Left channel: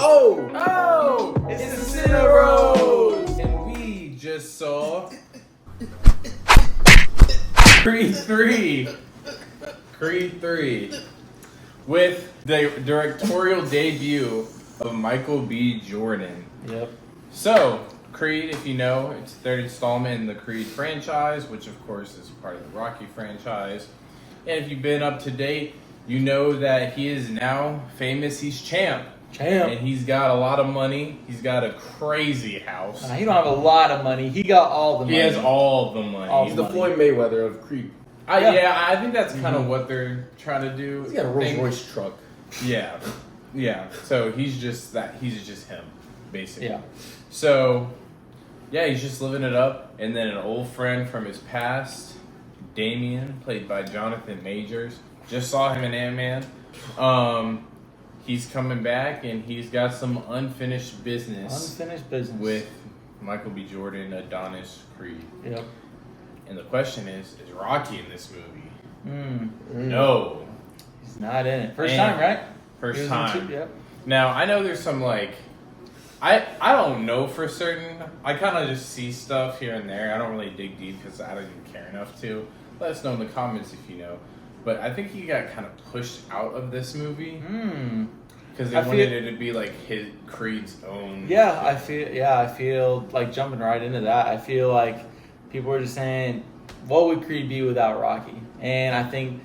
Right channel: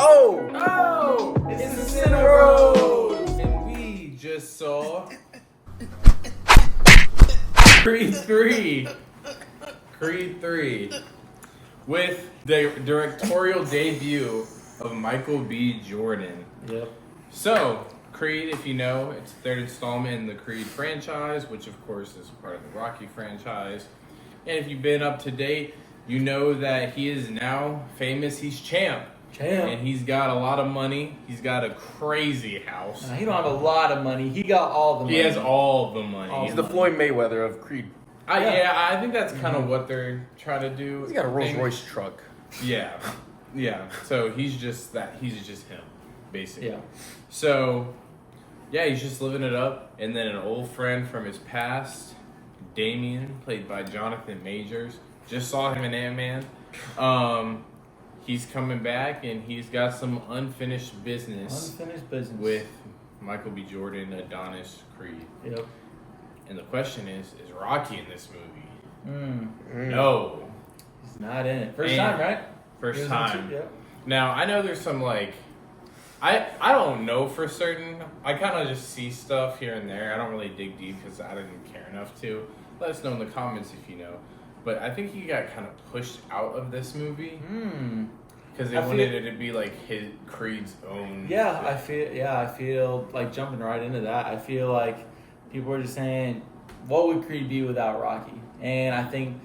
Oh! It's the CineBros! And we just saw Creed 3. Creed 3. With the directorial debut of Michael B. Jordan. Yep. So, Creed, if you know, it's the third installment in the Creed franchise, which of course is part of the Rocky franchise. And if you've been up to date, you know that he is now famous. He's champ. And he's got a lot of money. He's got a crazy house. He don't have a lot of money. He got all the money. He has all the money. He's the Floyd Mayweather of Creed. Yeah, I think that's kind of what they're trying to do. He's got a Rolls Royce truck. Yeah. So he's just that. He's just him, basically. Yeah. So, yeah, he's just living it up. And then an old friend from his past, Damien, played by Jonathan Majors. Just saw him in Ant-Man. He's coming back, and he's got some unfinished business. With Michael B. Jordan, Adonis Creed. Yep. And the question is Rocky in this movie? No. He's not in it. First time, right? First time. Yep. Now, I know there's some, like... I don't know for certain. I kind of just see stuff here and there. I don't really dig deep because I didn't care enough to. Let us know in the comments if you know. But I think he got kind of pushed out of this movie because they wanted it to be like his Creed's own. Yeah, I feel like jumping right into that. I feel like people were just saying, "What would Creed be without Rocky?" And I think,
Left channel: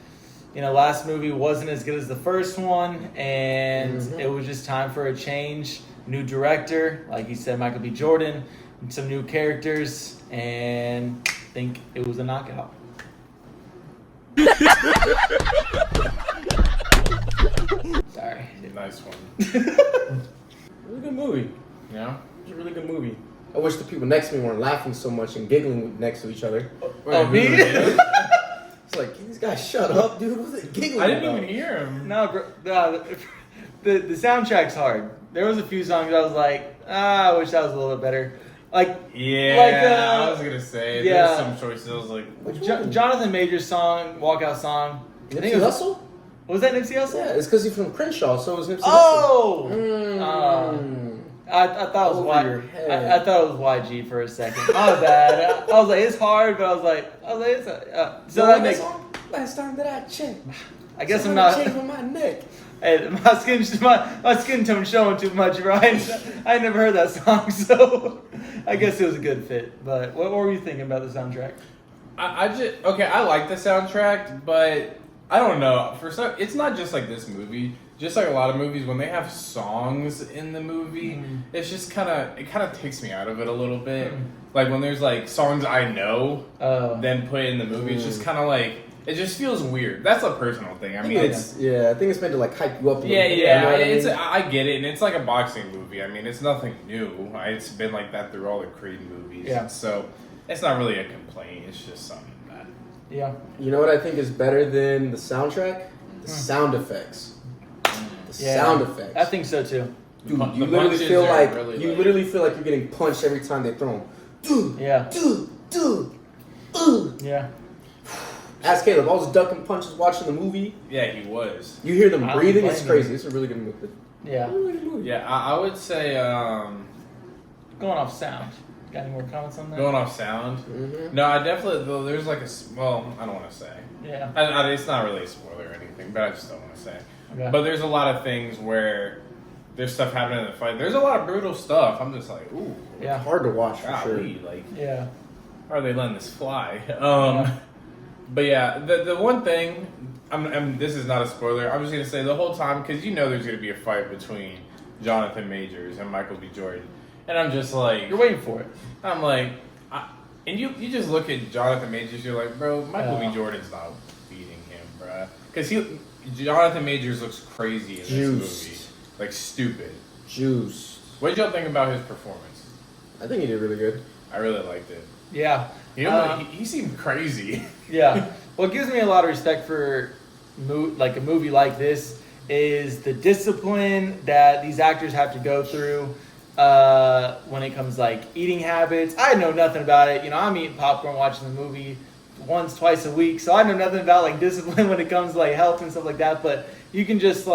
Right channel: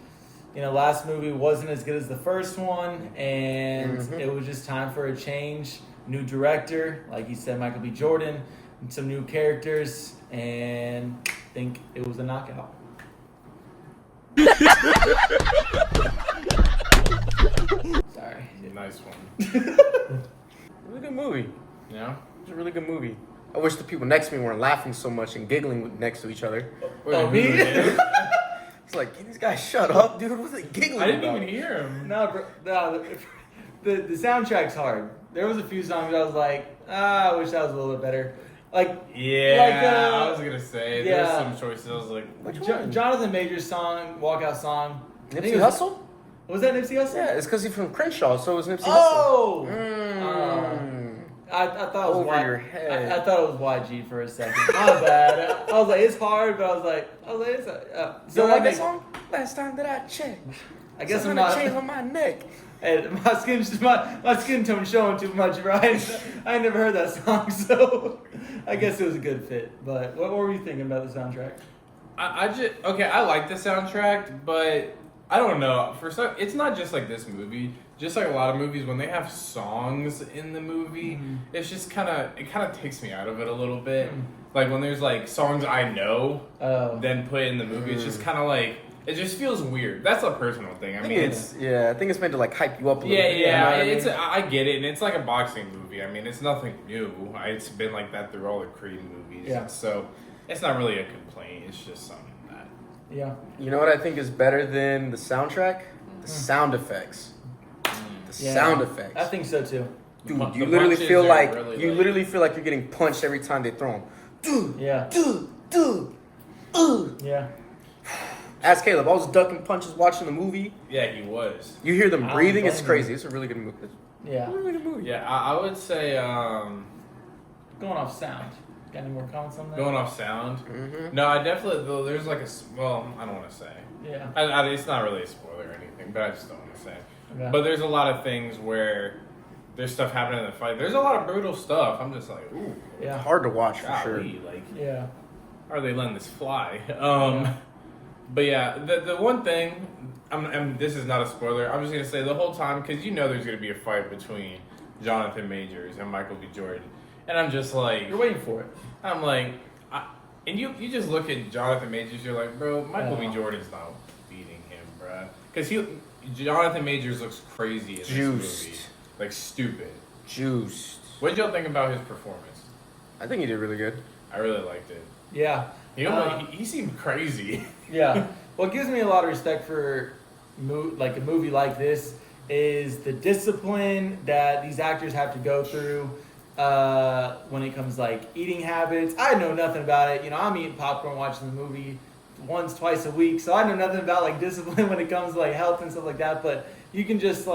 last movie wasn't as good as the first one, and it was just time for a change. New director, like you said, Michael B. Jordan, some new characters, and I think it was a knockout. Sorry. Nice one. Really good movie. Yeah? It's a really good movie. I wish the people next to me weren't laughing so much and giggling next to each other. Me? It's like, can these guys shut up, dude? What are they giggling I didn't about? even hear him. No, bro, the soundtrack's hard. There was a few songs I was like, I wish that was a little bit better. I was gonna say there's some choices. I was like, Jonathan Major's song, walkout song. Nipsey Hussle? Was that Nipsey Hussle? Yeah, it's because he's from Crenshaw, so it was Nipsey Hussle. Oh! I thought it was Over your head. I thought it was YG for a second. My bad. I was like, it's hard, but I was like, it's a. So like that song? Last time that I checked, I guess I'm not. chain on my neck. Hey, my skin tone showing too much, right? I never heard that song, so I guess it was a good fit. But what were you thinking about the soundtrack? I like the soundtrack, but I don't know. It's not just like this movie. Just like a lot of movies, when they have songs in the movie, it's just kind of takes me out of it a little bit. Like when there's like songs I know, then put in the movie, it's just kind of like. It just feels weird. That's a personal thing. I mean, I think it's meant to like hype you up a little bit. Yeah. I get it, and it's like a boxing movie. I mean, it's nothing new. It's been like that through all the Creed movies. Yeah. So it's not really a complaint. It's just something that. Yeah. You know what I think is better than the soundtrack? The sound effects. Sound effects. I think so too. Dude, you literally feel like you're getting punched every time they throw them. Yeah. Ask Caleb. I was ducking punches watching the movie. Yeah, he was. You hear them breathing. It's crazy. It's a really good movie. Yeah. Really good movie. Yeah, I would say. Going off sound. Got any more comments on that? Going off sound. No, I definitely. Though there's like I don't want to say. Yeah. It's not really a spoiler or anything, but I just don't want to say. Okay. But there's a lot of things where there's stuff happening in the fight. There's a lot of brutal stuff. I'm just like, ooh. Yeah. Hard to watch for golly, sure. Like, yeah. How are they letting this fly? But yeah, the one thing, this is not a spoiler. I'm just gonna say the whole time because there's gonna be a fight between Jonathan Majors and Michael B. Jordan, and I'm just like, you're waiting for it. I'm like, and you just look at Jonathan Majors, you're like, bro, Michael B. Jordan's not beating him, bro, because Jonathan Majors looks crazy in this movie, like stupid. Juiced. What did y'all think about his performance? I think he did really good. I really liked it. Yeah. He seemed crazy. Yeah. What gives me a lot of respect for a movie like this is the discipline that these actors have to go through when it comes like eating habits. I know nothing about it. I'm eating popcorn watching the movie once, twice a week, so I know nothing about like discipline when it comes to like health and stuff like that. But you can just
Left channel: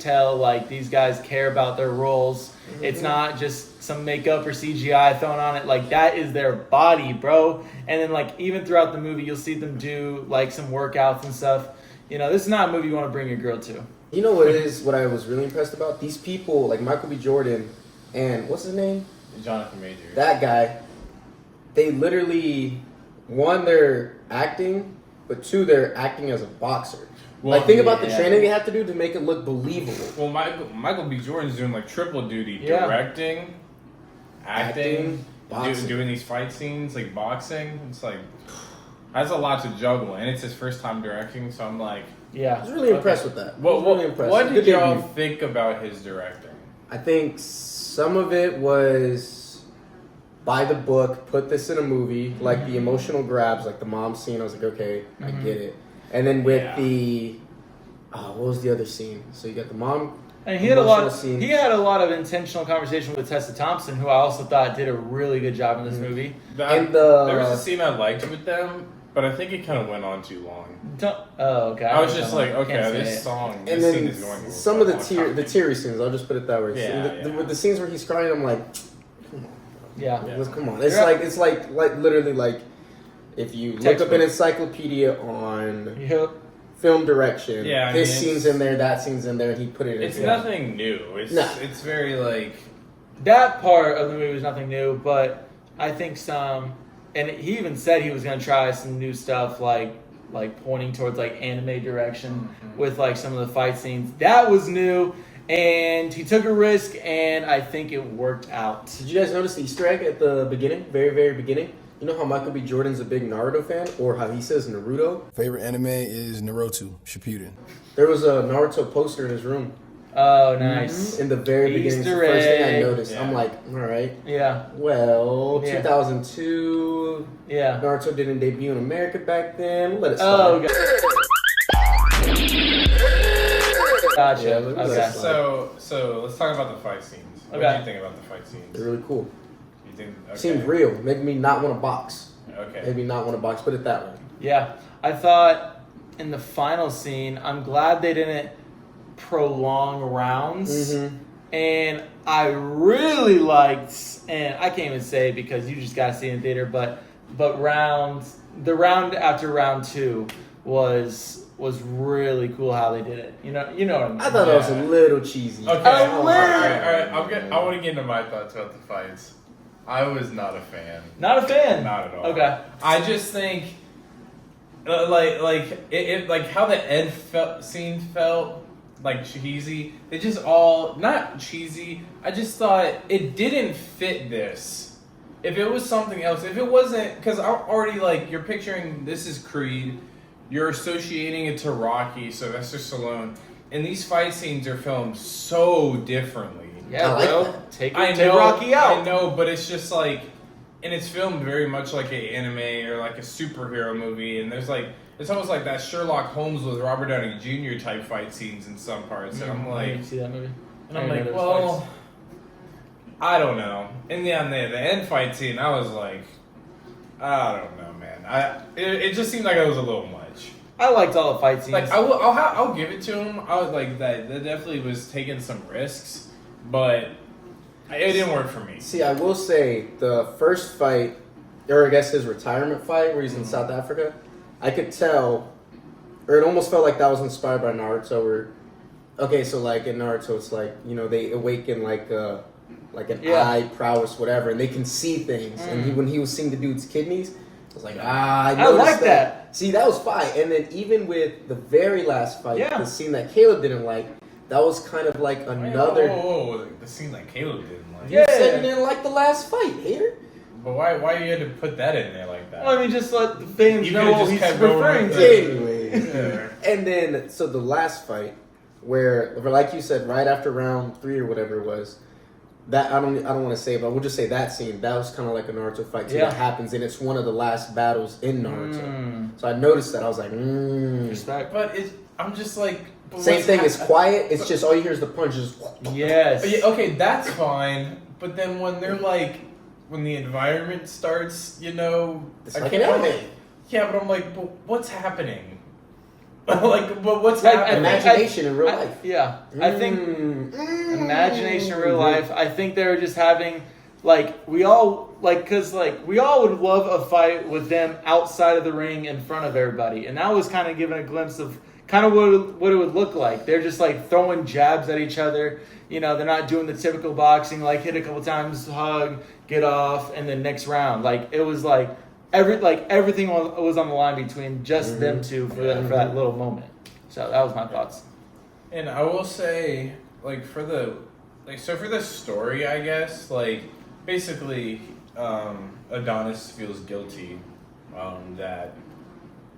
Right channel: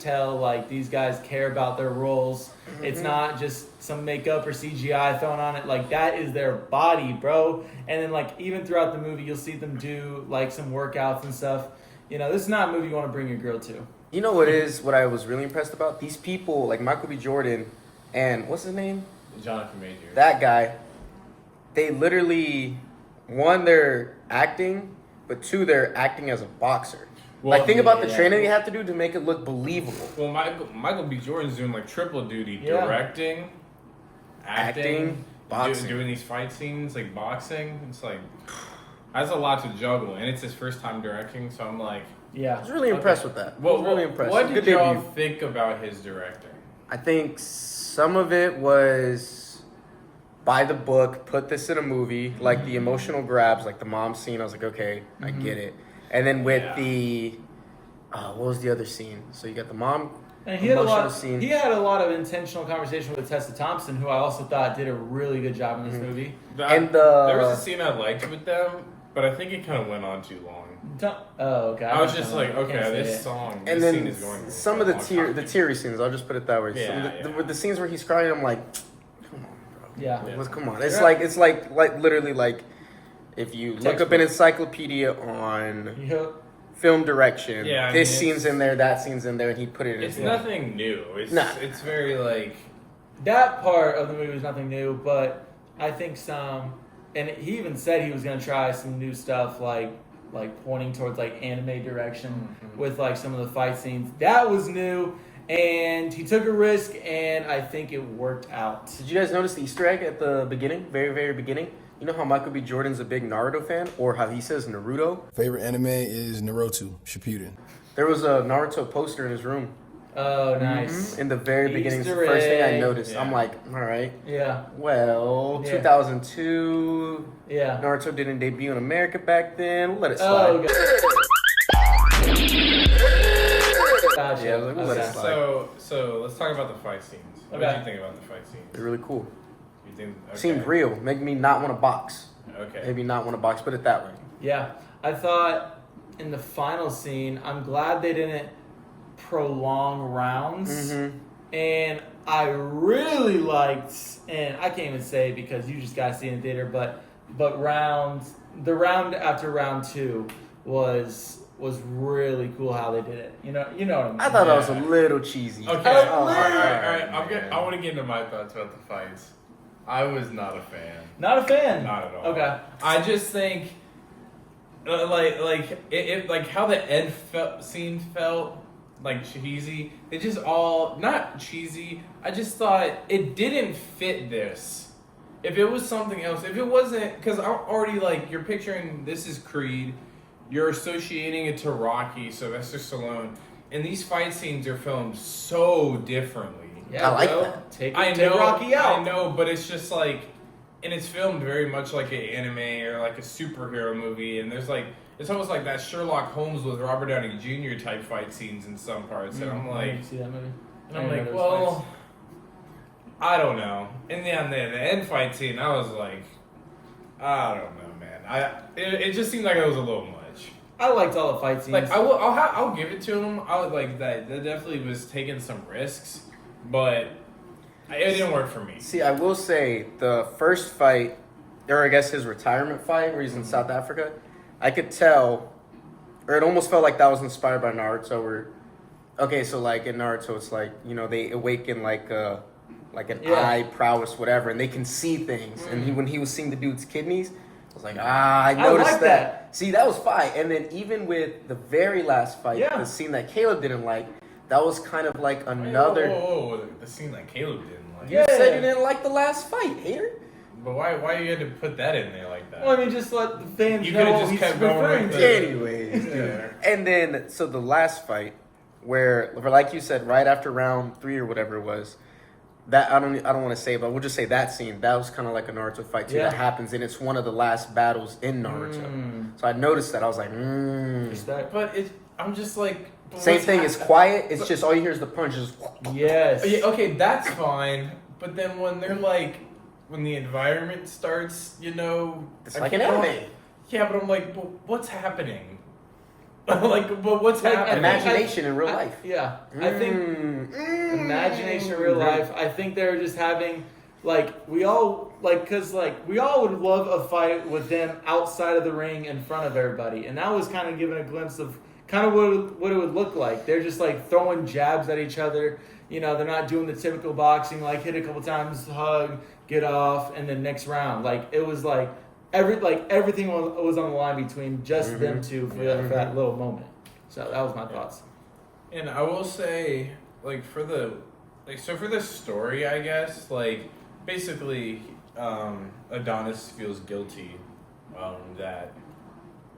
tell like these guys care about their roles. Mm-hmm. It's not just some makeup or CGI thrown on it. Like that is their body, bro. And then like even throughout the movie, you'll see them do like some workouts and stuff. You know, this is not a movie you want to bring your girl to. You know what I was really impressed about? These people, like Michael B. Jordan and what's his name? Jonathan Majors. That guy, they literally, one, they're acting, but two, they're acting as a boxer. Well, like, think about the training they have to do to make it look believable. Well, Michael B. Jordan's doing like triple duty, directing, acting, doing these fight scenes, like boxing. It's like, that's a lot to juggle, and it's his first time directing, so I'm like... Yeah. I was really impressed with that. Really impressed. What did y'all think about his directing? I think some of it was by the book, put this in a movie, like the emotional grabs, like the mom scene, I was like, okay, I get it. And then with the, what was the other scene? So you got the mom. And he had a lot of intentional conversation with Tessa Thompson, who I also thought did a really good job in this movie. There was a scene I liked with them, but I think it kind of went on too long. Okay. I was just like, okay, this scene is going. Some of the teary scenes, I'll just put it that way. With the scenes where he's crying, I'm like, come on. Yeah. Come on. It's like literally like if you look up an encyclopedia on film direction, this scene's in there, that scene's in there, and he put it in. It's nothing new. It's very like that part of the movie was nothing new, but I think and he even said he was going to try some new stuff like pointing towards like anime direction with like some of the fight scenes. That was new, and he took a risk, and I think it worked out. Did you guys notice the Easter egg at the beginning, very, very beginning? You know how Michael B. Jordan's a big Naruto fan, or how he says Naruto? Favorite anime is Naruto Shippuden. There was a Naruto poster in his room. Oh, nice. In the very beginning, it's the first thing I noticed. Yeah. I'm like, all right. Yeah. Well, 2002. Yeah. Naruto didn't debut in America back then. Let it slide. Oh, gotcha. Yeah, let it slide. So let's talk about the fight scenes. What did you think about the fight scenes? They're really cool. You think seemed real. Make me not want to box. Okay. Maybe not want to box. Put it that way. Yeah. I thought in the final scene, I'm glad they didn't prolong rounds. And I really liked, and I can't even say because you just gotta see it in the theater, but the round after round 2 was really cool how they did it. You know what I mean? I thought that was a little cheesy. Okay. All right. I want to get into my thoughts about the fights. I was not a fan. Not a fan. Not at all. Okay. I just think, like how the Ed scene felt. Like cheesy. They just all not cheesy. I just thought it didn't fit this. If it was something else, if it wasn't, because I'm already like you're picturing this is Creed, you're associating it to Rocky, Sylvester Stallone, and these fight scenes are filmed so differently. Yeah, I like that. Take Rocky out. I know, but it's just like, and it's filmed very much like an anime or like a superhero movie, and there's like. It's almost like that Sherlock Holmes with Robert Downey Jr. type fight scenes in some parts, and I'm like, I didn't see that movie. And I'm like, well, I don't know. And the end fight scene, I was like, I don't know, man. It just seemed like it was a little much. I liked all the fight scenes. Like I'll give it to him. I was like that definitely was taking some risks, but it didn't work for me. See, I will say the first fight, or I guess his retirement fight, where he's in South Africa. I could tell, or it almost felt like that was inspired by Naruto. So like in Naruto, it's like, you know, they awaken like an eye prowess, whatever, and they can see things. And when he was seeing the dude's kidneys, I was like, I noticed like that. See, that was fine. And then even with the very last fight, the scene that Caleb didn't like, that was kind of like another. Whoa, the scene that Caleb didn't like. You said you didn't like the last fight, hater. But why you had to put that in there like that? Well, I mean, just let the fans You know could've what just he's kept going referring with to. Anyways. Yeah. And then, so the last fight, where like you said, right after round 3 or whatever it was, that I don't want to say, but we'll just say that scene. That was kind of like a Naruto fight too. That happens, and it's one of the last battles in Naruto. So I noticed that. I was like, Respect. But I'm just like. Same thing. It's quiet. It's just all you hear is the punches. Yes. Yeah, okay, that's fine. But then when they're like. When the environment starts, you know, it's like an anime. Yeah, but I'm like, but what's happening? But what's happening? Imagination in real life. Yeah, I think imagination in real life. I think they were just having we all we all would love a fight with them outside of the ring in front of everybody, and that was kind of giving a glimpse of kind of what it would look like. They're just throwing jabs at each other. They're not doing the typical boxing hit a couple times, hug, get off, and then next round. It was everything was on the line between just them two for that little moment. So that was my thoughts. And I will say, for the story, I guess, basically, Adonis feels guilty that,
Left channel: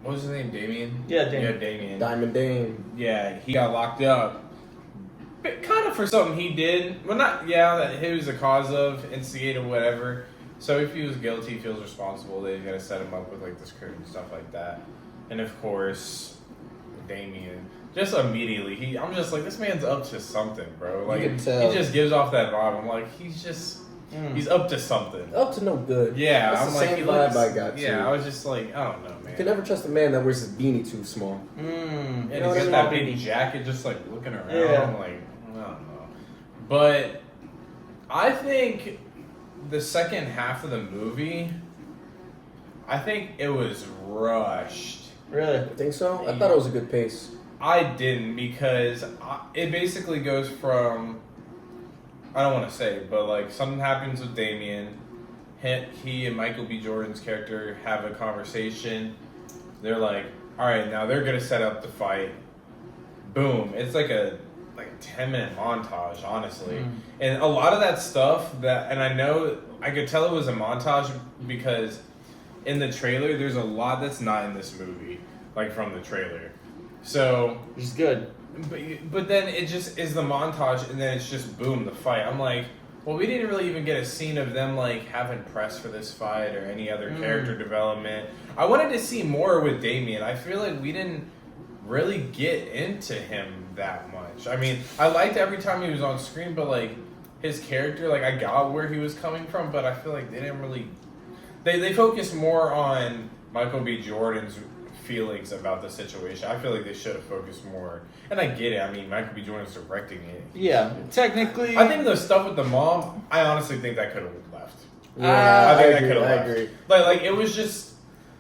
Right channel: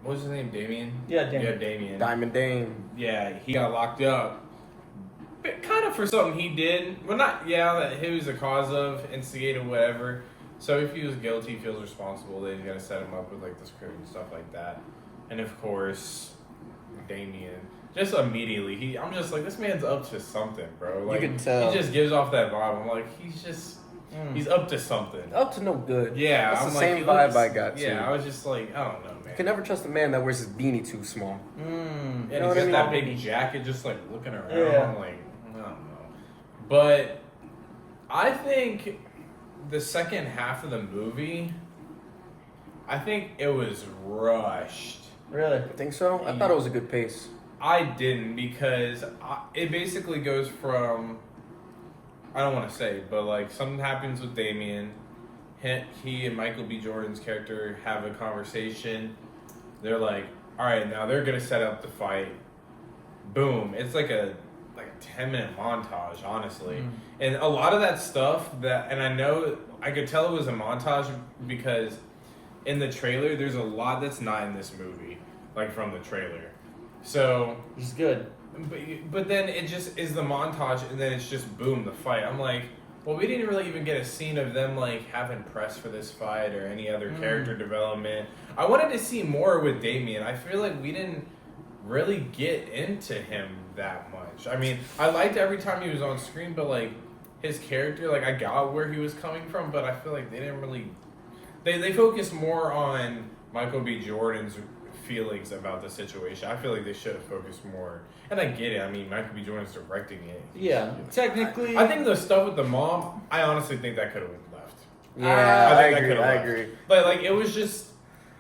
what was his name, Damien? Yeah, Damien. Yeah, Damien. Diamond Dame. Yeah, he got locked up. But kind of for something he did. Well, that he was the cause of, instigated, whatever. So if he was guilty, he feels responsible. They got to set him up with this crew and stuff like that. And of course, Damien, just immediately, I'm just this man's up to something, bro. You can tell. He just gives off that vibe. I'm he's up to something. Up to no good. Yeah, that's I'm the same he vibe looks, I got too. Yeah, I was just I don't know, man. You can never trust a man that wears his beanie too small. And You know he's what I got that mean? big jacket, just looking around. Yeah. I'm I don't know. But I think the second half of the movie, I think it was rushed. Really? I think so. I thought it was a good pace. I didn't because it basically goes from, I don't want to say, but something happens with Damien. He and Michael B. Jordan's character have a conversation. They're all right, now they're gonna set up the fight. Boom! It's a 10-minute montage, honestly, and a lot of that stuff and I know I could tell it was a montage because in the trailer there's a lot that's not in this movie, from the trailer. So It's good. but then it just is the montage, and then it's just boom, the fight. I'm well, we didn't really even get a scene of them having press for this fight or any other character development. I wanted to see more with Damien. I feel we didn't really get into him that much. I mean, I liked every time he was on screen, but his character, I got where he was coming from, but I feel they didn't really. They focused more on Michael B. Jordan's feelings about the situation. I feel they should have focused more. And I get it. I mean, Michael B. Jordan's directing it. Yeah, technically. I think the stuff with the mom, I honestly think that could have left. Yeah, I think agree, that could have I left. agree. It was just.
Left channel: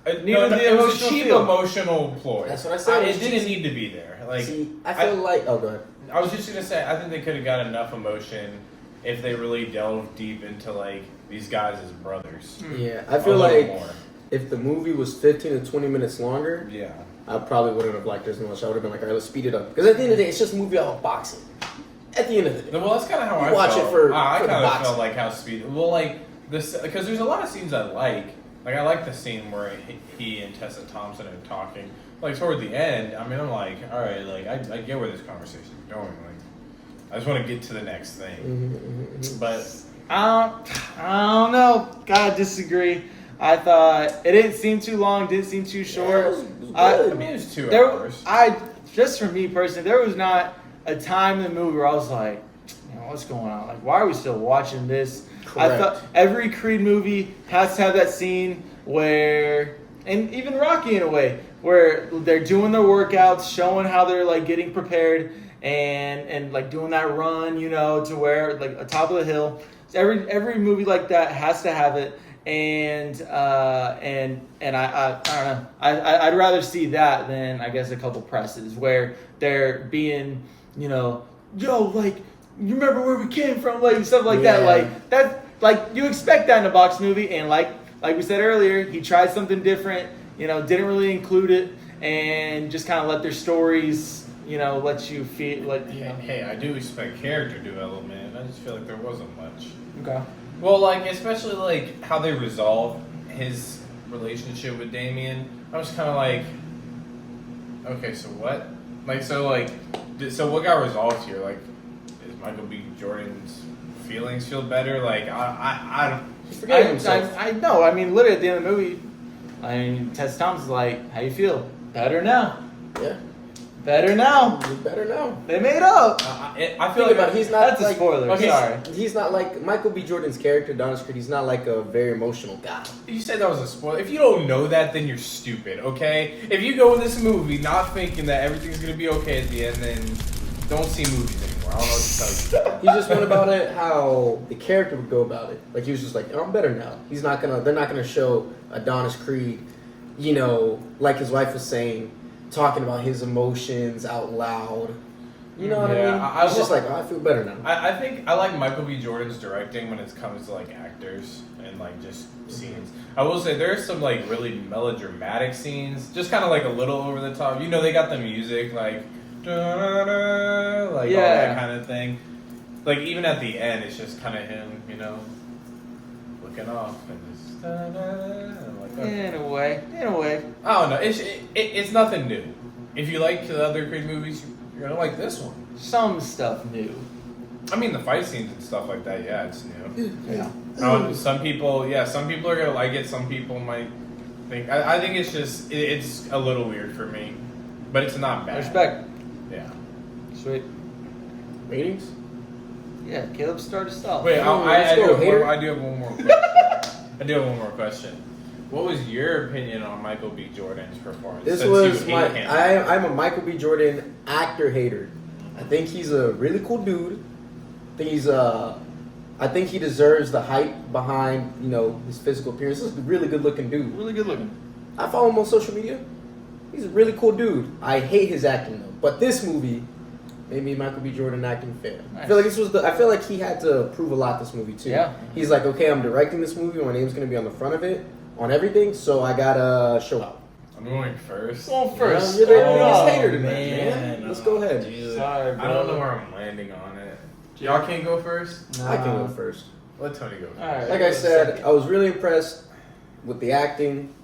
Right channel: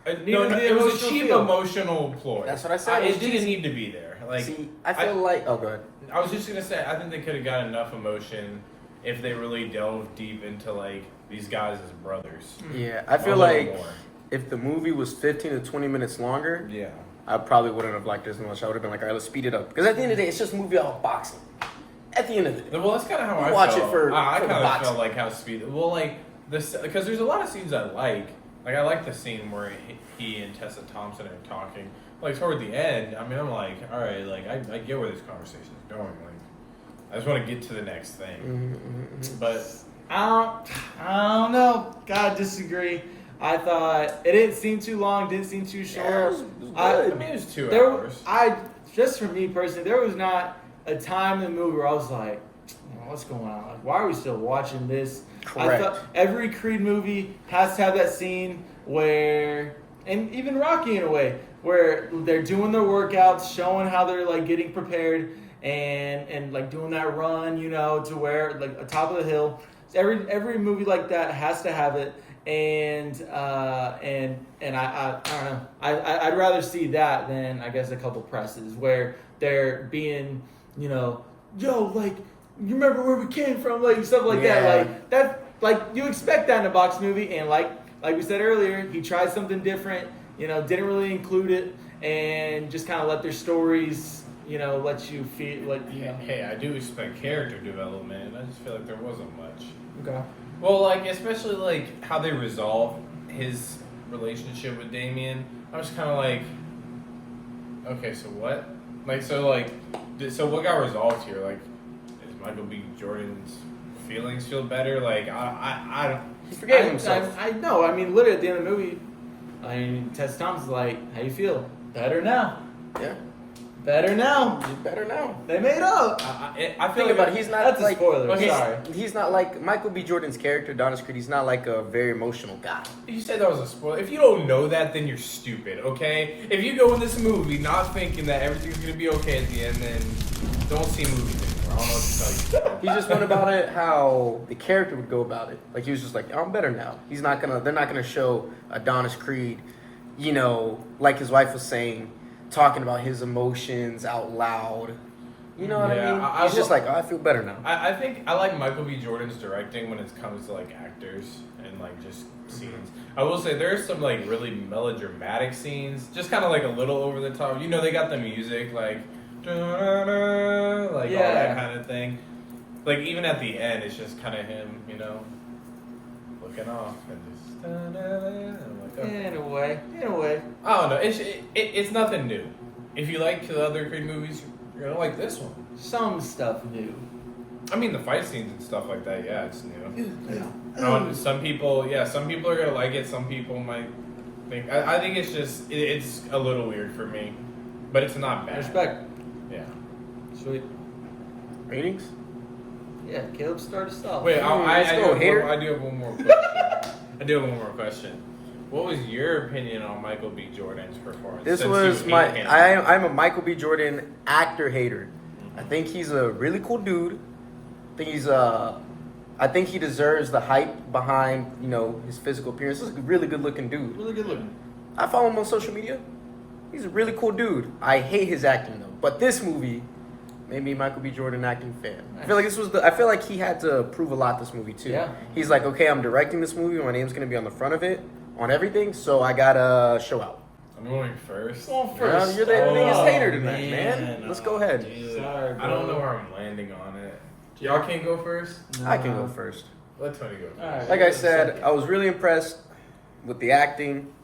Needed No, the it was a emotional cheap feel. emotional ploy. That's what I said. It didn't need to be there. See, I feel oh, go ahead. I was just gonna say, I think they could have got enough emotion if they really delved deep into these guys as brothers. Yeah, I A feel little more. if the movie was 15 to 20 minutes longer, Yeah. I probably wouldn't have liked it as much. I would have been all right, let's speed it up. Because at the end of the day, it's just a movie about boxing. At the end of the day. Well, that's kind of how I watch felt. it for I the kind of boxing. felt how speed. Well, this because there's a lot of scenes I like. I like the scene where he and Tessa Thompson are talking. Toward the end, I mean, I'm all right, I get where this conversation's going. I just want to get to the next thing. But I don't know. Gotta disagree. I thought it didn't seem too long, didn't seem too short. I mean, it was 2 hours. Just for me personally, there was not a time in the movie where I was what's going on? Why are we still watching this? Correct. I thought every Creed movie has to have that scene where, and even Rocky in a way, where they're doing their workouts, showing how they're getting prepared, and doing that run, to where atop of the hill. So every movie like that has to have it, and I don't know. I'd rather see that than I guess a couple presses where they're being, yo, you remember where we came from, stuff like that. You expect that in a box movie, and like we said earlier, he tried something different. Didn't really include it, and just kind of let their stories, let you feel Hey, I do expect character development, and I just feel there wasn't much. Okay. Well, especially how they resolve his relationship with Damien. I was kind of okay, so what? So what got resolved here? Is Michael B. Jordan's feelings feel better? I don't. He forgave himself. I know. I mean, literally at the end of the movie, Tess Thompson's how you feel? Better now. Yeah. Better now. Better now. They made up. I feel Think like about it, he's not That's a like spoiler. Okay. Sorry. he's not like Michael B. Jordan's character, Adonis Creed. He's not like a very emotional guy. You said that was a spoiler. If you don't know that, then you're stupid, okay? If you go in this movie not thinking that everything's gonna be okay at the end, then don't see movies anymore. I don't know what to tell you. He just went about it how the character would go about it. Like he was just like, oh, I'm better now. They're not gonna show Adonis Creed, you know, like his wife was saying, talking about his emotions out loud. You know what I mean? He's just like, oh, I feel better now. I think I like Michael B. Jordan's directing when it comes to like actors and like just scenes. I will say there's some like really melodramatic scenes, just kind of like a little over the top. You know, they got the music like, da-da-da, like all that kind of thing. Like even at the end, it's just kind of him, you know, looking off and just da-da-da, and like okay. In a way. I don't know. It's nothing new. If you like the other Creed movies, you're gonna like this one. Some stuff new. I mean, the fight scenes and stuff like that. Yeah, it's new. Yeah. Some people are gonna like it. Some people might think. I think it's just it's a little weird for me, but it's not bad. Respect. Yeah. Sweet. Ratings? Yeah, Caleb started stuff. Wait, I do hater. have one more question. What was your opinion on Michael B. Jordan's performance? This since was you hate him? I'm a Michael B. Jordan actor hater. I think he's a really cool dude. I think he deserves the hype behind, you know, his physical appearance. He's a really good looking dude. Really good looking. I follow him on social media. He's a really cool dude. I hate his acting though. But this movie made me a Michael B. Jordan acting fan. Nice. I feel like he had to prove a lot this movie too. Yeah. He's like, okay, I'm directing this movie. My name's gonna be on the front of it, on everything. So I gotta show out. I'm going first. Well, first. You're the Oh, biggest hater tonight, man. man. Let's go ahead. Dude. Sorry, I don't know brother. where I'm landing on it. Y'all can't go first? I can go first. Let Tony go first. All right. Like I said, I was really impressed with the acting.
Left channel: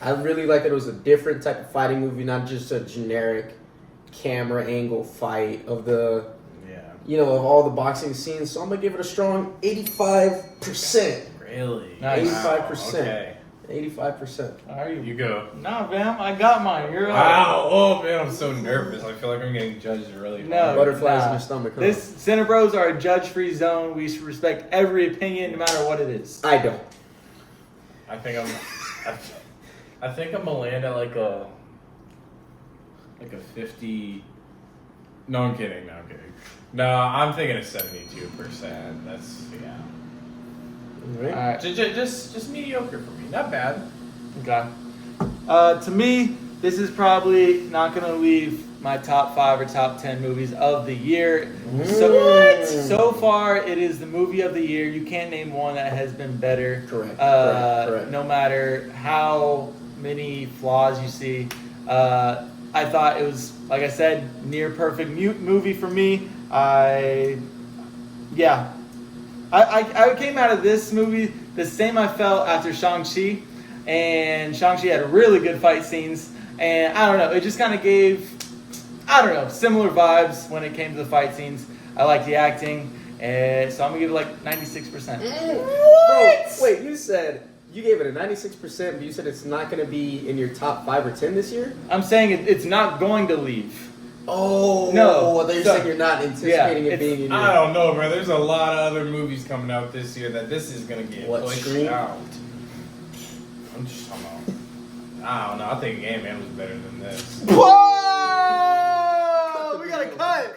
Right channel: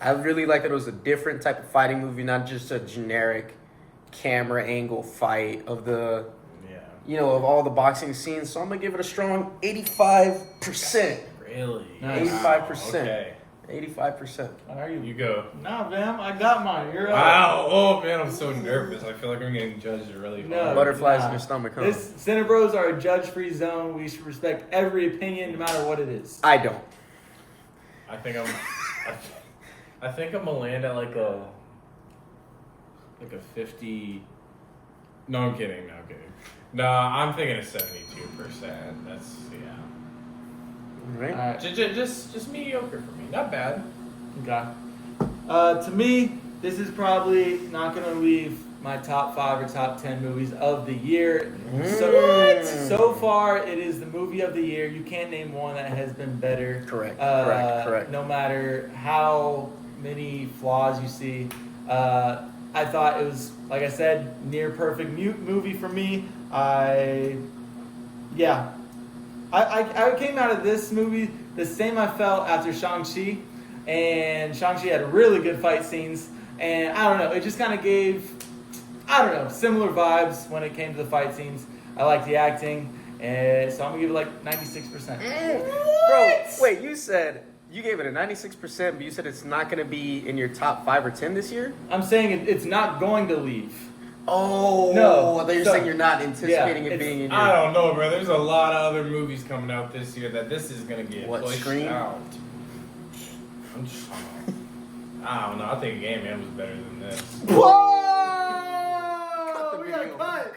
I really like that it was a different type of fighting movie, not just a generic camera angle fight of the, Yeah. you know, of all the boxing scenes. So I'm gonna give it a strong 85%. Really? Nice. 85%. Okay. 85%. Are you? You go. Nah, fam. I got mine. You're Wow. Oh, man, I'm so nervous. I feel like I'm getting judged really No. hard. Butterflies in your stomach, huh? This CineBros are a judge-free zone. We should respect every opinion, no matter what it is. I don't. I think I'm gonna land at like a 50. No, I'm kidding. No, I'm thinking a 72%. That's yeah. All right. All right. Just mediocre for me. Not bad. Okay. To me, this is probably not going to leave my top 5 or top 10 movies of the year. So far, it is the movie of the year. You can't name one that has been better. Correct. No matter how many flaws you see. I thought it was, like I said, near perfect movie for me. I came out of this movie the same I felt after Shang-Chi, and Shang-Chi had really good fight scenes, and I don't know, it just kind of gave, similar vibes when it came to the fight scenes. I like the acting, and so I'm gonna give it like 96%. Bro, wait, you said you gave it a 96%, but you said it's not going to be in your top 5 or 10 this year? I'm saying it's not going to leave. Oh, No. I thought you're saying you're not anticipating it being in your... I don't know, bro. There's a lot of other movies coming out this year that this is gonna get What, pushed Scream? out. I don't know. I think Game Man was better than this. Whoa! We gotta cut!